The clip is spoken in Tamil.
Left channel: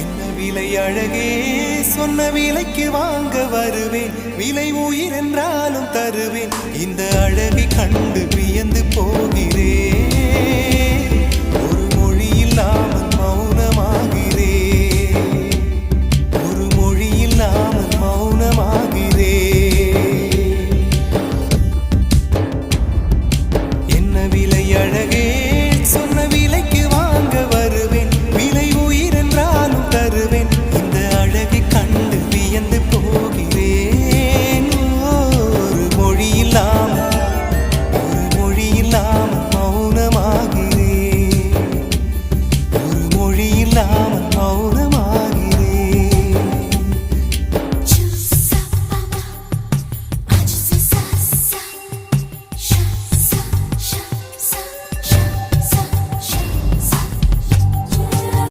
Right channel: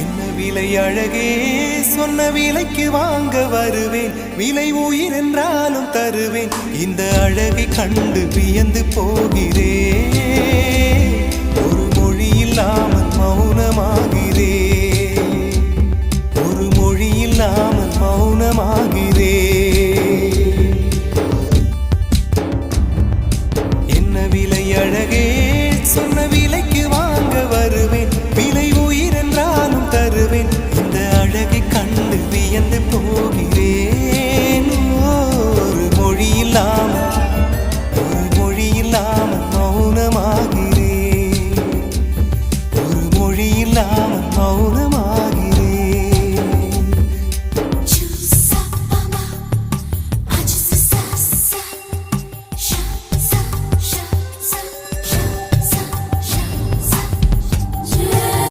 என்ன விலை அழகே, சொன்ன விலைக்கு வாங்க வருவேன். விலை உயிர் என்றாலும் தருவேன். இந்த அழகை கண்டு வியந்து போகிறேன். ஒரு மொழி இல்லாமல் மௌனமாகிறேன். ஒரு மொழி இல்லாமல் மௌனமாகிறேன். என்ன விலை அழகே, சொன்ன விலைக்கு வாங்க வருவேன். விலை உயிர் என்றாலும் தருவேன். இந்த அழகை கண்டு வியந்து போகிறேன். ஒரு மொழி இல்லாமல் மௌனமாகிறேன். ஒரு மொழி இல்லாமல் மௌனமாக